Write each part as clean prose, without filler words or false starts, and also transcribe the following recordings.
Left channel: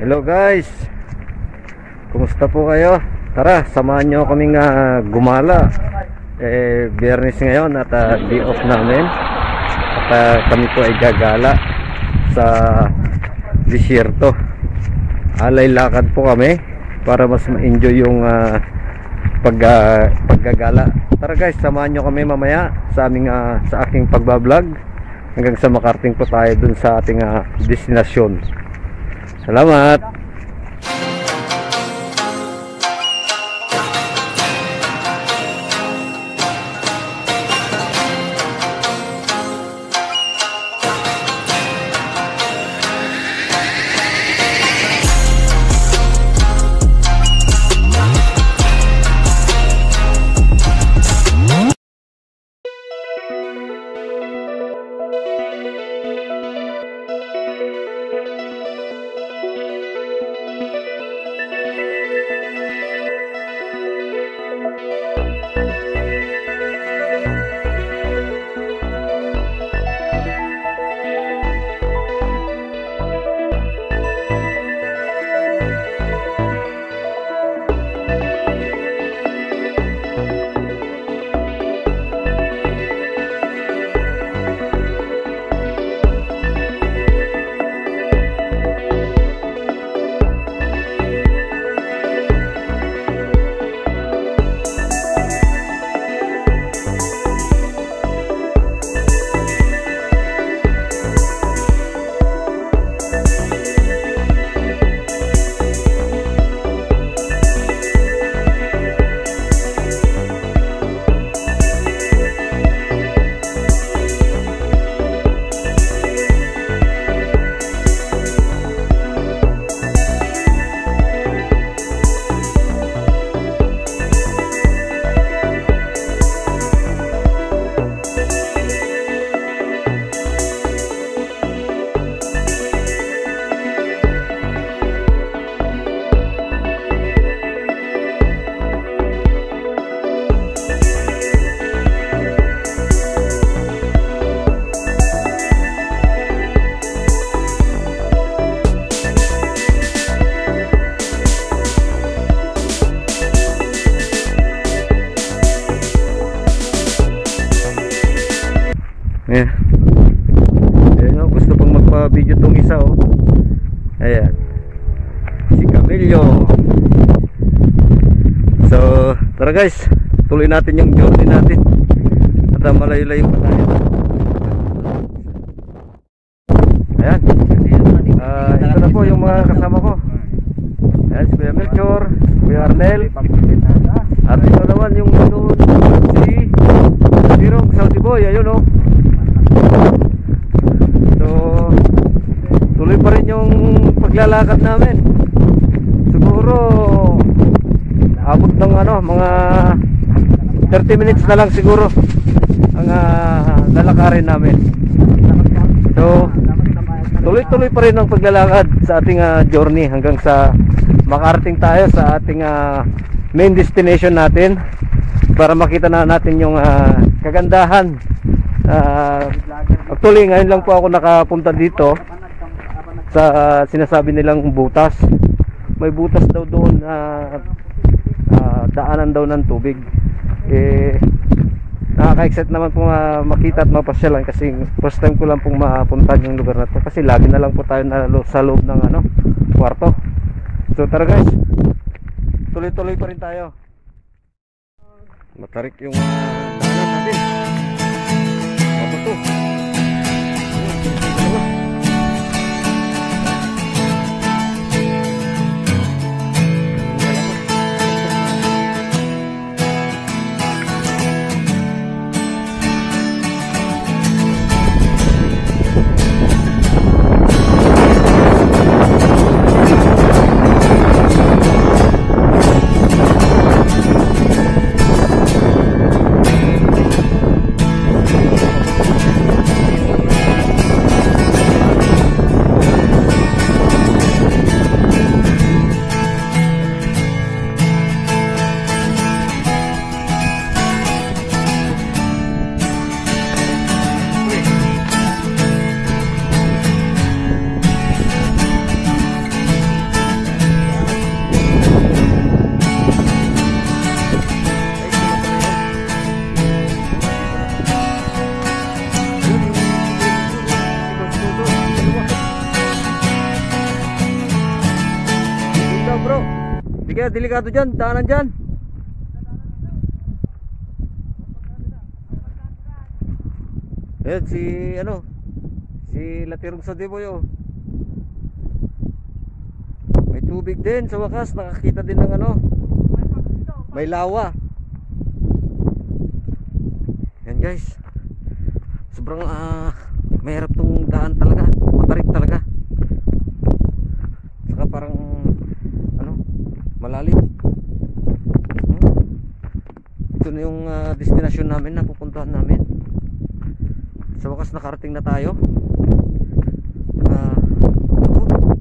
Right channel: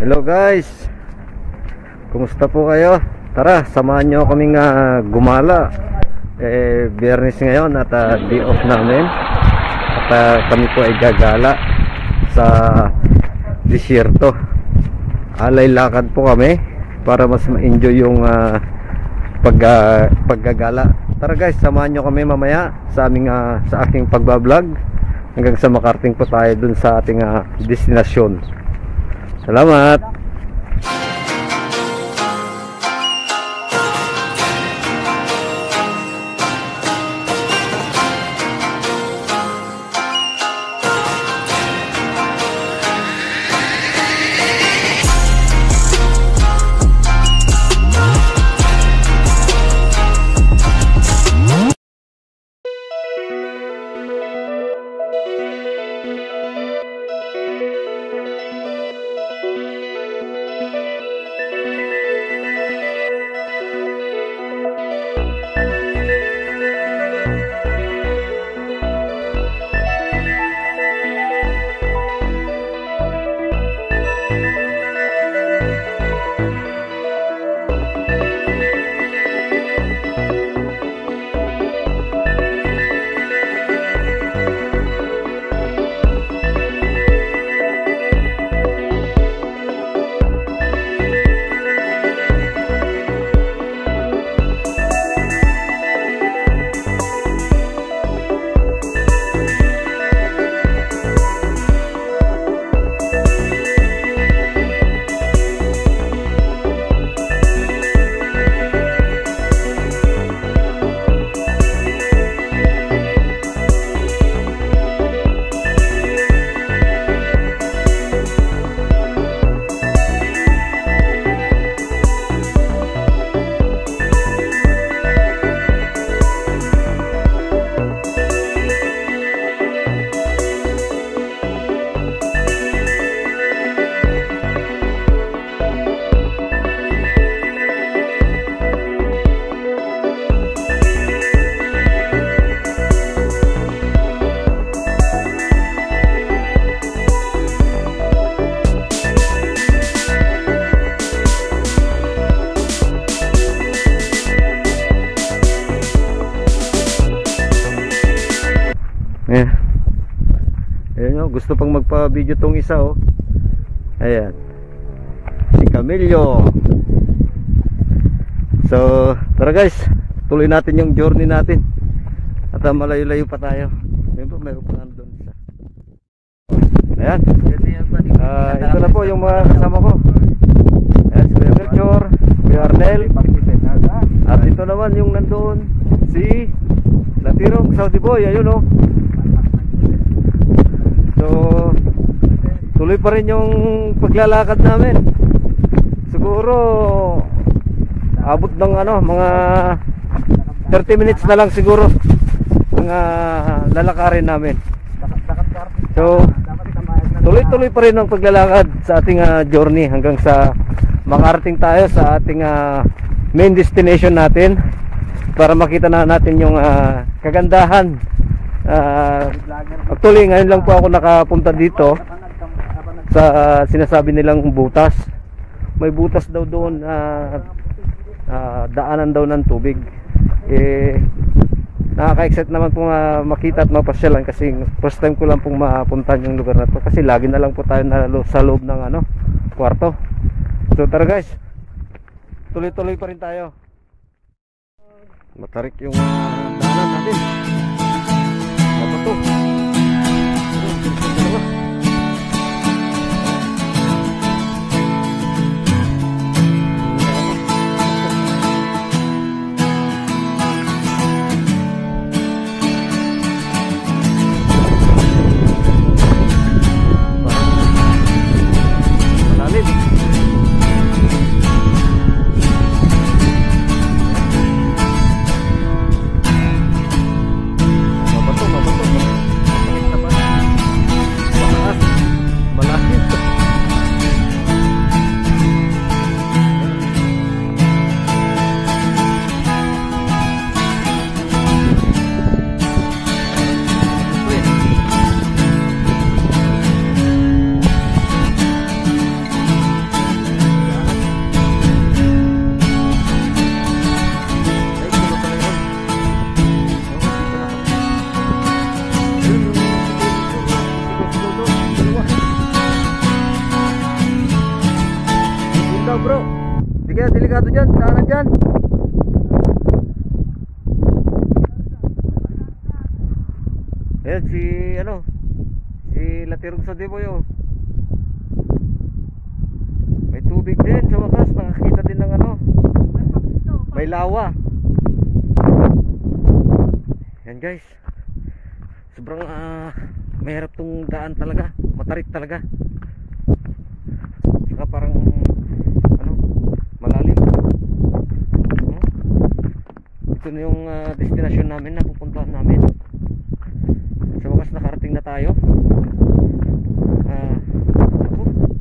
Hello guys, kumusta po kayo? Tara, samahan nyo kaming gumala. Biyernes ngayon at day off namin. At kami po ay gagala sa disyerto. Alay lakad po kami para mas ma-enjoy yung paggagala. Tara guys, samahan nyo kami mamaya sa aking pagbablog hanggang sa makarating po tayo dun sa ating destinasyon. Salamat. Ayan, gusto pang magpa-video tong isa oh. Ayan, si Camillo. So tara guys, tuloy natin yung journey natin. At malayo-layo pa tayo. Ayan, ito na po yung mga kasama ko. Ayan, si Kuya Melchor, Kuya Arnel. At ito naman yung nandun, si Tirong Saudi Boy. Ayun oh. So tuloy pa rin yung paglalakad namin. Siguro abot ng mga 30 minutes na lang siguro ang lalakarin namin. So tuloy-tuloy pa rin ang paglalakad sa ating journey hanggang sa makarating tayo sa ating main destination natin, para makita na natin yung kagandahan. Actually ngayon lang po ako nakapunta dito sa sinasabi nilang butas. May butas daw doon, daanan daw ng tubig. Nakaka-excite naman po makita at mapasyalan, kasi first time ko lang pong mapuntahan yung lugar na to, kasi lagi na lang po tayo sa loob ng kwarto. So tara guys, tuloy-tuloy pa rin tayo. Matarik yung daanan natin. Mabato. bro. Hindi kaya delikado dyan, daanan dyan. Ayan si si Latirong sa Diboy. May tubig din sa wakas, nakakita din ng may lawa. Yan guys, sobrang mahirap tong daan talaga, matarik talaga. Saka parang malalim. Ito na yung destination namin na pupuntahan namin. Sa wakas nakarating na tayo.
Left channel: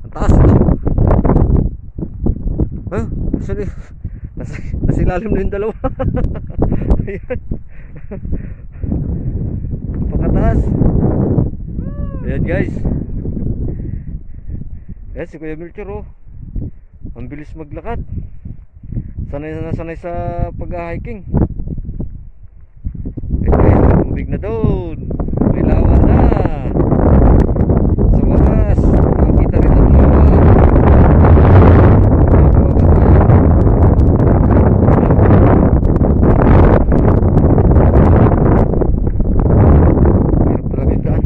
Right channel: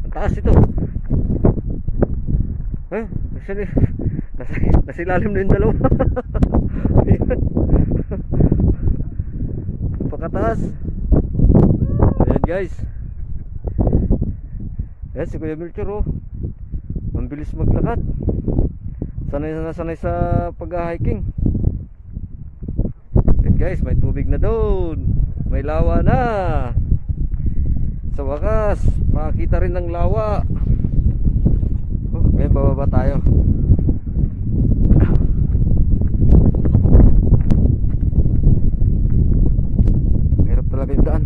Ang taas ito. Nasa ilalim na yung dalawa. Pagkataas. Ayan guys. Ayan si Kuya Melchor. Ang bilis maglakad. Sanay na sanay sa pag-hiking. Ayan guys, may tubig na doon. May lawa na. Sa wakas makakita rin ng lawa. May bababa tayo. Hirap talaga yung daan.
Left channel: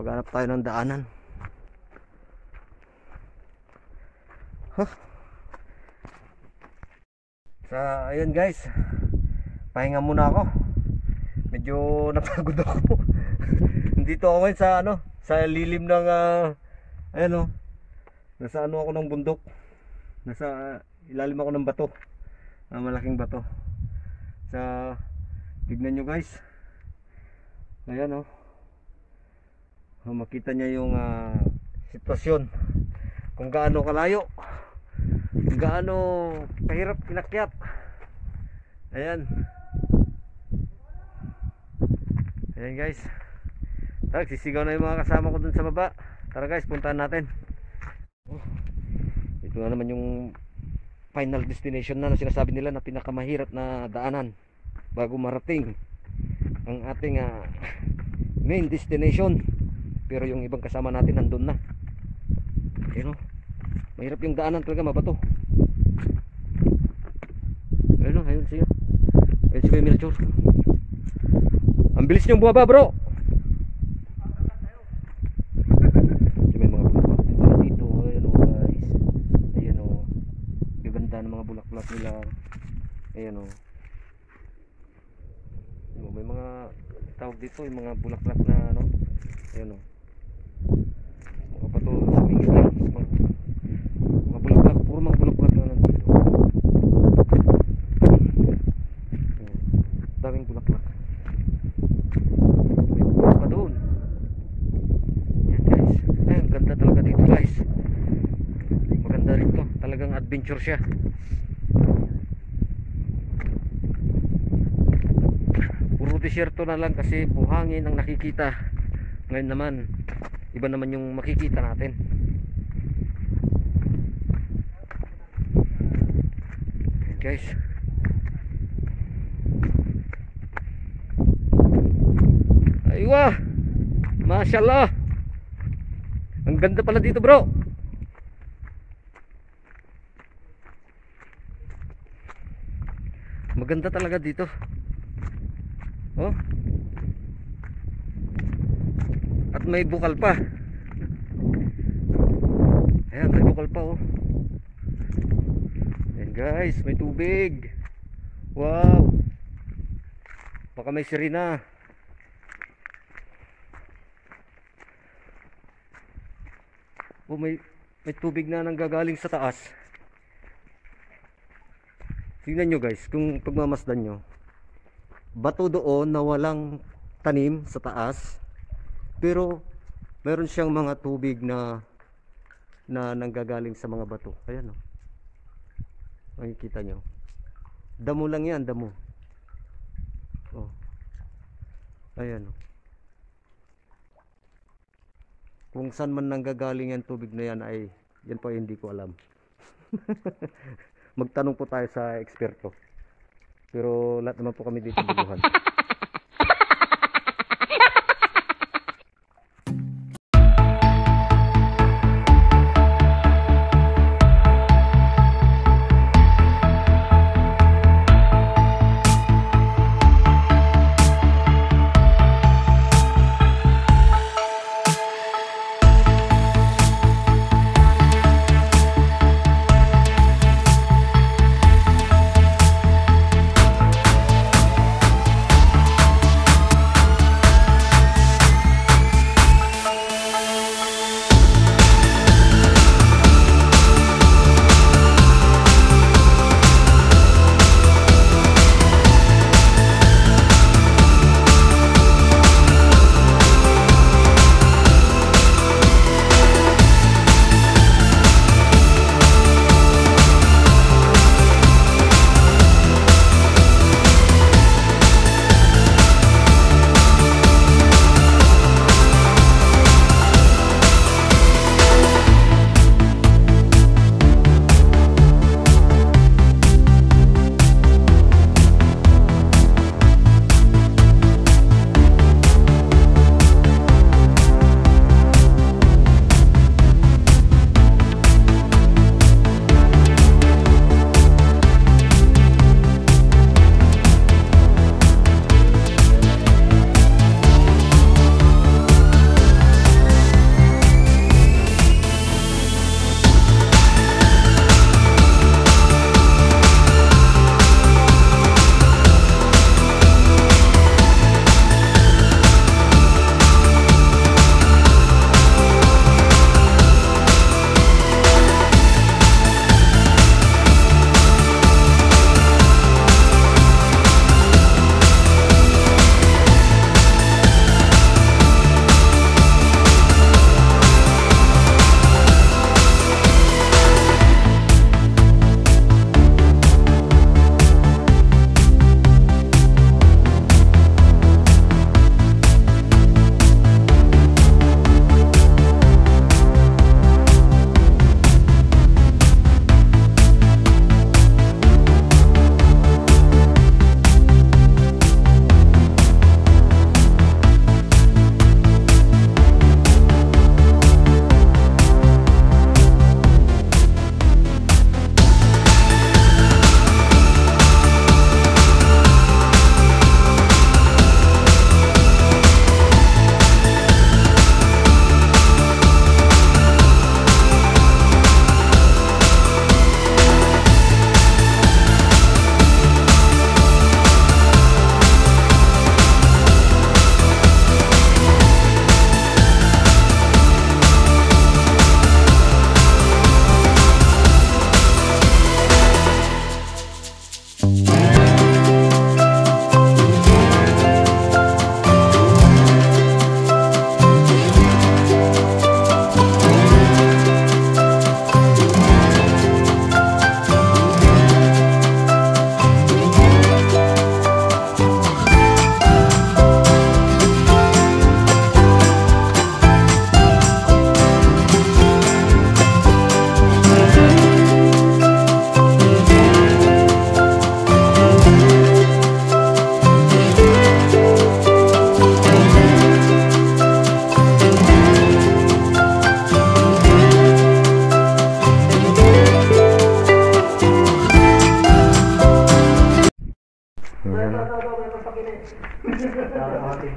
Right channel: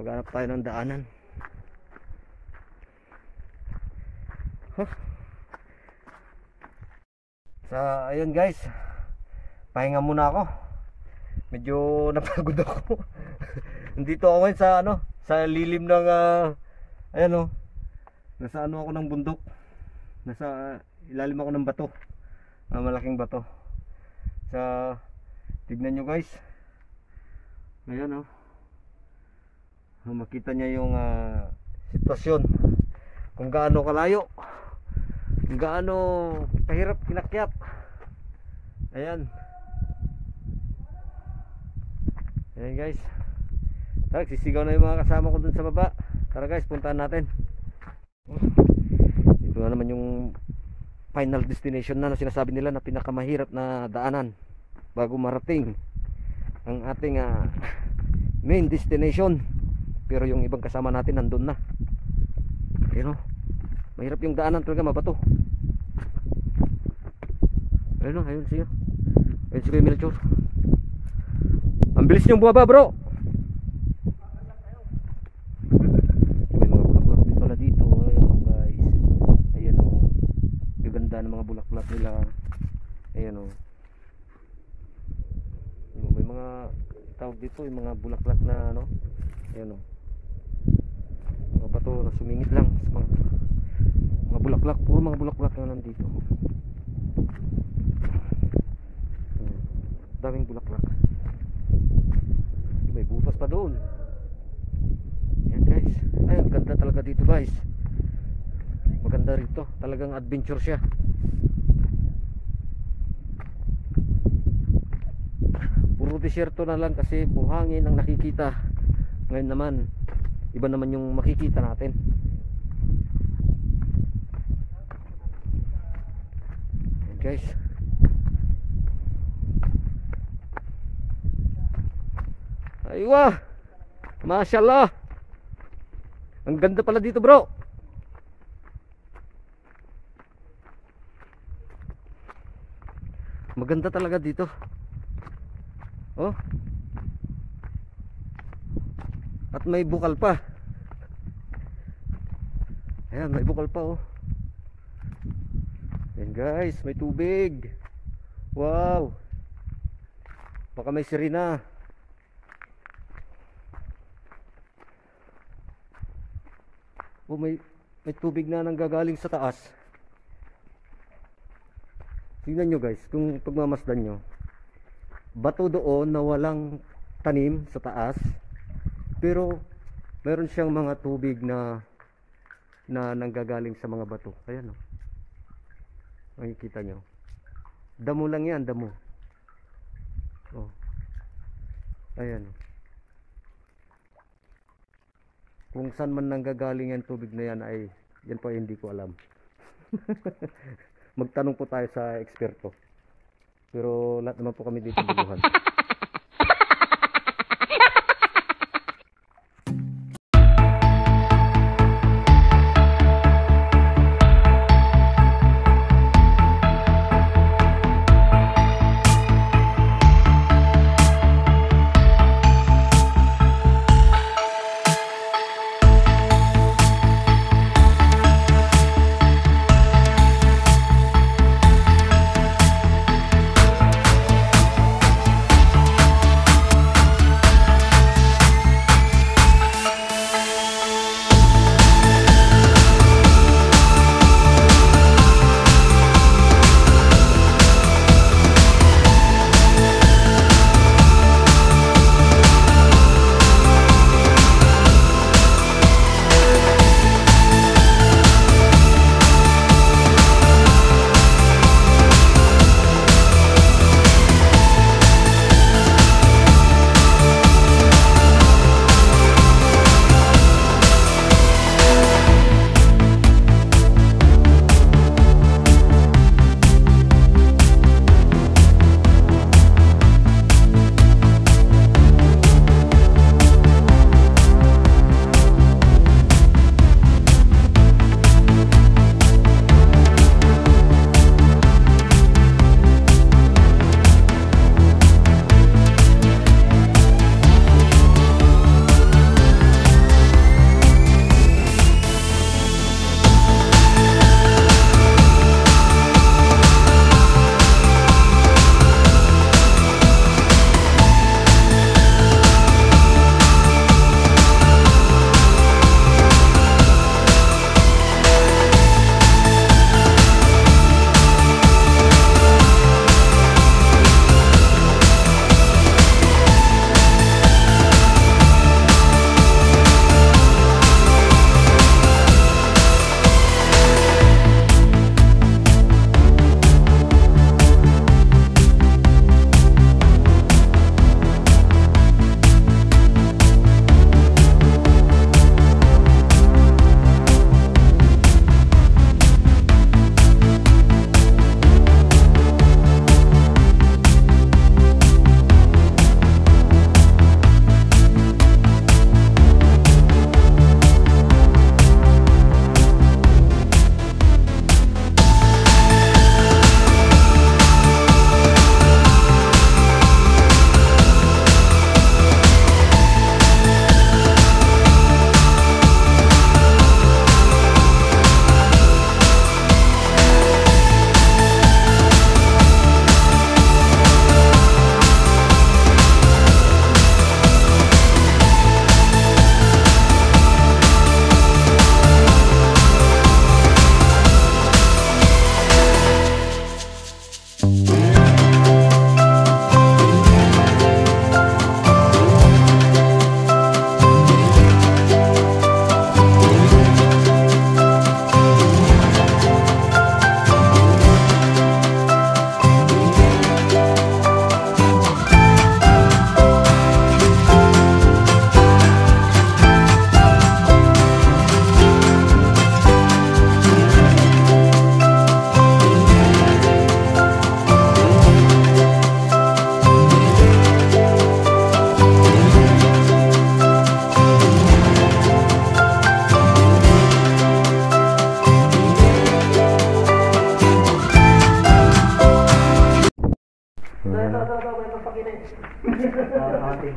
Maghanap tayo ng daanan. Ayun guys, pahinga muna ako. Medyo napagod ako. Nandito ako ngayon sa lilim ng nasa ako ng bundok. Nasa ilalim ako ng bato. Malaking bato. Tignan nyo guys. Ayan makita niya yung sitwasyon, kung gaano kalayo, kung gaano kahirap kinakyat. Ayan guys, tara, sisigaw na yung mga kasama ko dun sa baba. Tara guys, puntahan natin. Ito na naman yung final destination na sinasabi nila na pinakamahirap na daanan bago marating ang ating main destination. Pero yung ibang kasama natin nandun na. Mahirap yung daanan talaga, mabato. Ayun siya. Ayun si Kuya Melchor. Ang bilis niyong bumaba bro. May mga bundok din pala dito. ganda ng mga bulaklak nila. Ayan oh. May mga tawag dito, yung mga bulaklak na ano. Ayan oh. Mga bato sumingit lang. Mga bulaklak, puro mga bulaklak na nandito. Ayan. Daming bulaklak. May bukas pa doon. Ayan guys. Ayan, ganda talaga dito guys. Maganda rin to. Talagang adventure siya. Puro desierto na lang kasi buhangin ang nakikita. Ngayon naman iba naman yung makikita natin. Ayan guys. Aywa, mashallah. Ang ganda pala dito bro. Maganda talaga dito. Oh. At may bukal pa. Ayan, may bukal pa oh. Ayan guys, may tubig. Wow. Baka may sirena. Oh, may tubig na nanggagaling sa taas. Tingnan nyo guys, kung pagmamasdan nyo, bato doon na walang tanim sa taas, pero meron siyang mga tubig na nanggagaling sa mga bato. Ayan o, makikita nyo, damo lang yan, damo. Oh. Ayan o, kung saan man nanggagaling yan tubig na yan ay yan pa hindi ko alam. Magtanong po tayo sa eksperto. Pero lahat naman po kami dito bubuhan.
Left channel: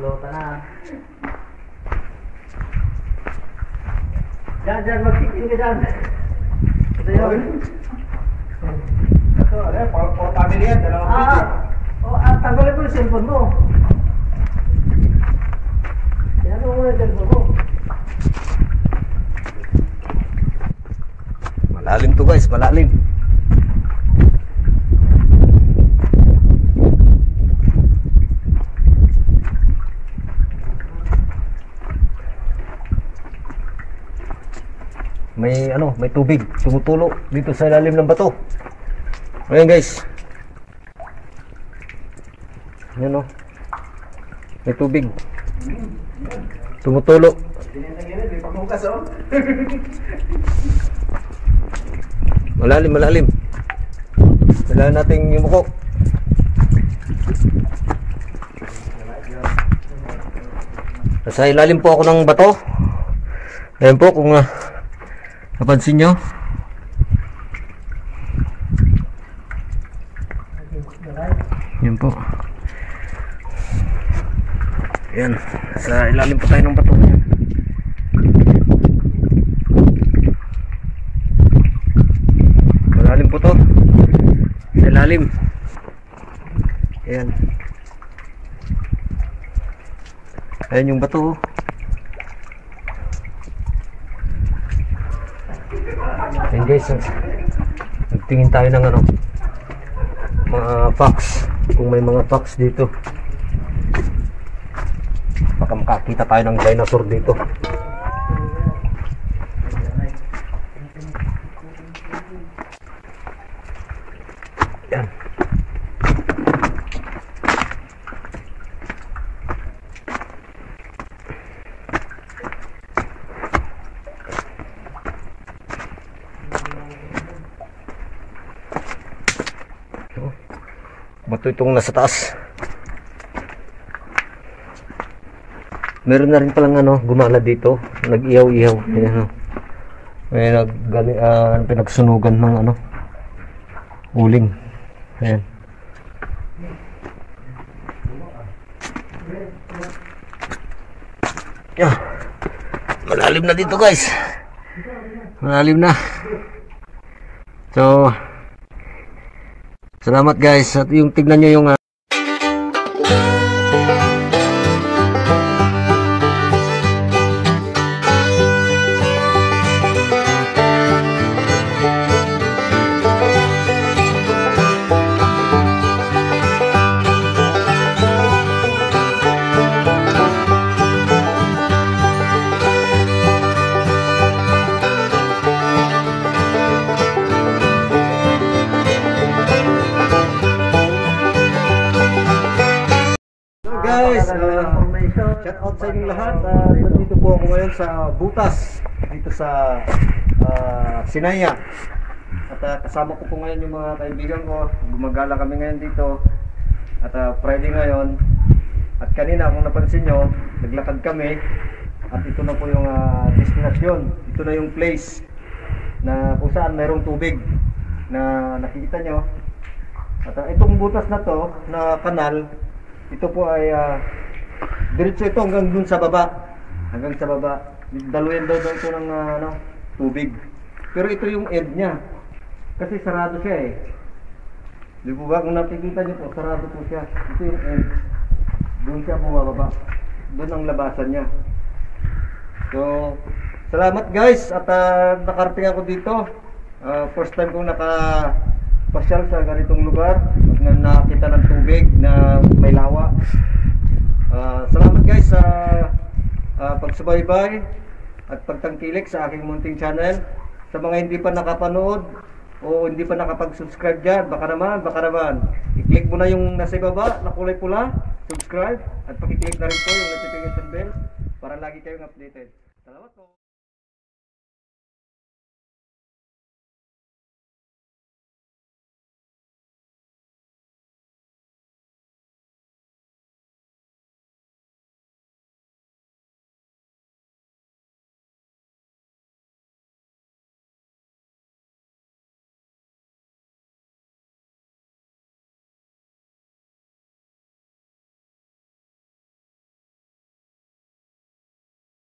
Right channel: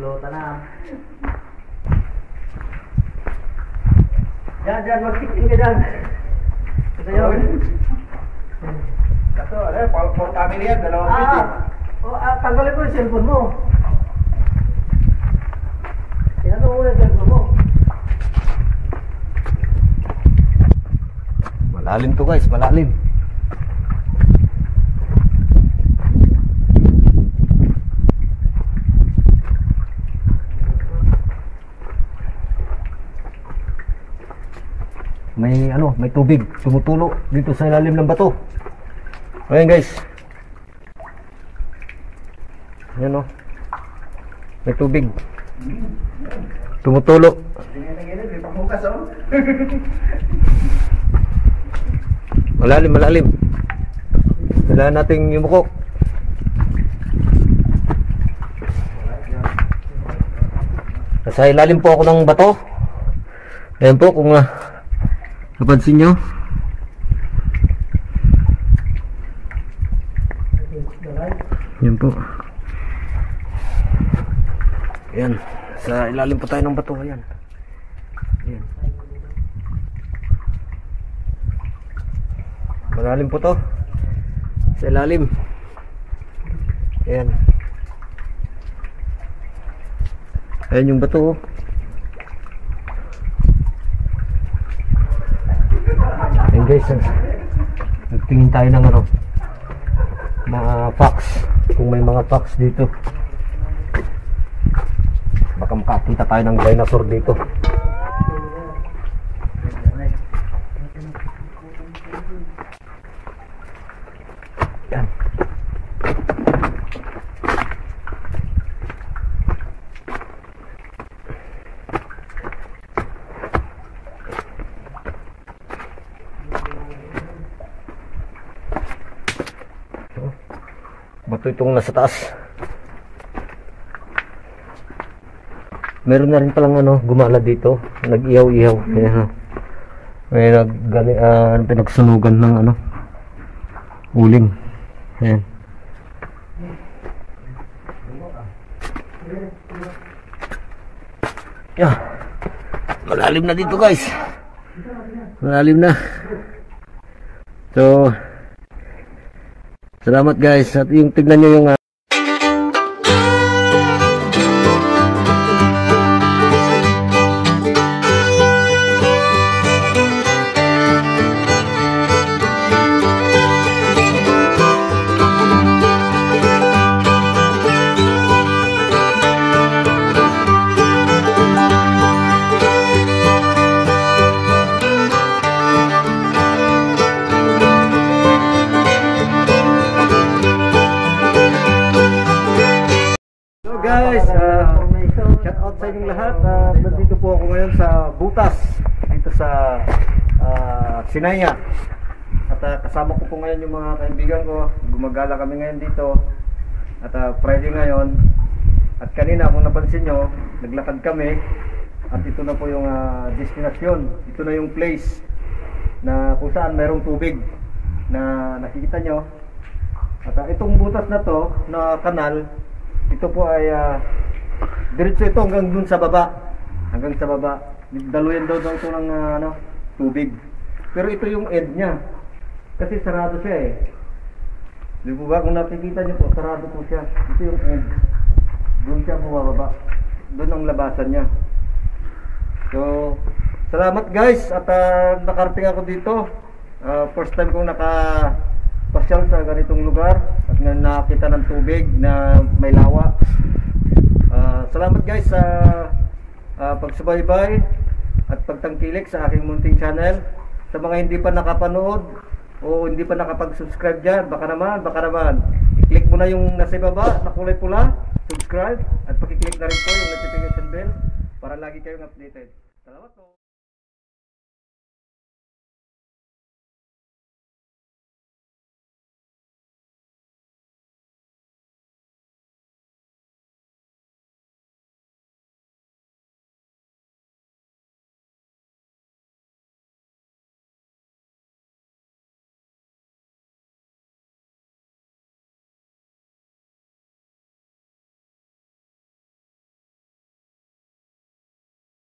Lota na. Diyan, mag-tikin ka dyan. Ito yun. Ito, for family yan, dalawang video. Tanggalin mo yung cellphone mo. Tinanong mo yung cellphone mo. Malalim to guys, malalim. May tubig tumutulo dito sa ilalim ng bato. Ayan guys. Ayan oh. May tubig tumutulo. Malalim. Kailangan nating yumuko. Nasa ilalim po ako ng bato. Ayan po kung napansin nyo. Yan po. Ayan. Sa ilalim po tayo ng bato ngayon. Malalim po to. Sa ilalim. Ayan. Ayan yung bato. Ayan guys, nagtingin tayo ng mga fox. Kung may mga fox dito, baka makakita tayo ng dinosaur dito. Yan. Bato itong nasa taas. Meron na rin palang gumala dito. Nag-ihaw-ihaw. May pinagsunugan ng uling. Ayan. Yeah. Malalim na dito guys. Malalim na. So salamat guys. At yung tignan nyo yung guys, shout out sa inyong lahat. Nandito po ako ngayon sa Butas, dito sa Sinaya. At kasama ko po ngayon yung mga kaibigan ko. Gumagala kami ngayon dito. At Friday ngayon. At kanina kung napansin nyo, naglakad kami. At ito na po yung destinasyon. Ito na yung place na kung saan mayroong tubig na nakikita nyo. At itong butas na to, na kanal, ito po ay diretso ito hanggang dun sa baba. Hanggang sa baba. Daluyan daw ito ng tubig. Pero ito yung end niya. Kasi sarado siya eh. Di po ba? Kung nakikita nyo po, sarado po siya. Ito yung end. Doon siya bumababa. Doon ang labasan niya. So, salamat guys. At nakarating ako dito. First time kong pasyal sa ganitong lugar at nakita ng tubig na may lawa. Salamat guys sa pagsubaybay at pagtangkilik sa aking munting channel. Sa mga hindi pa nakapanood o hindi pa nakapag-subscribe dyan, baka naman i-click mo na yung nasa ibaba na kulay pula, subscribe, at pakiclick na rin po yung notification bell para lagi kayong updated. Salamat po.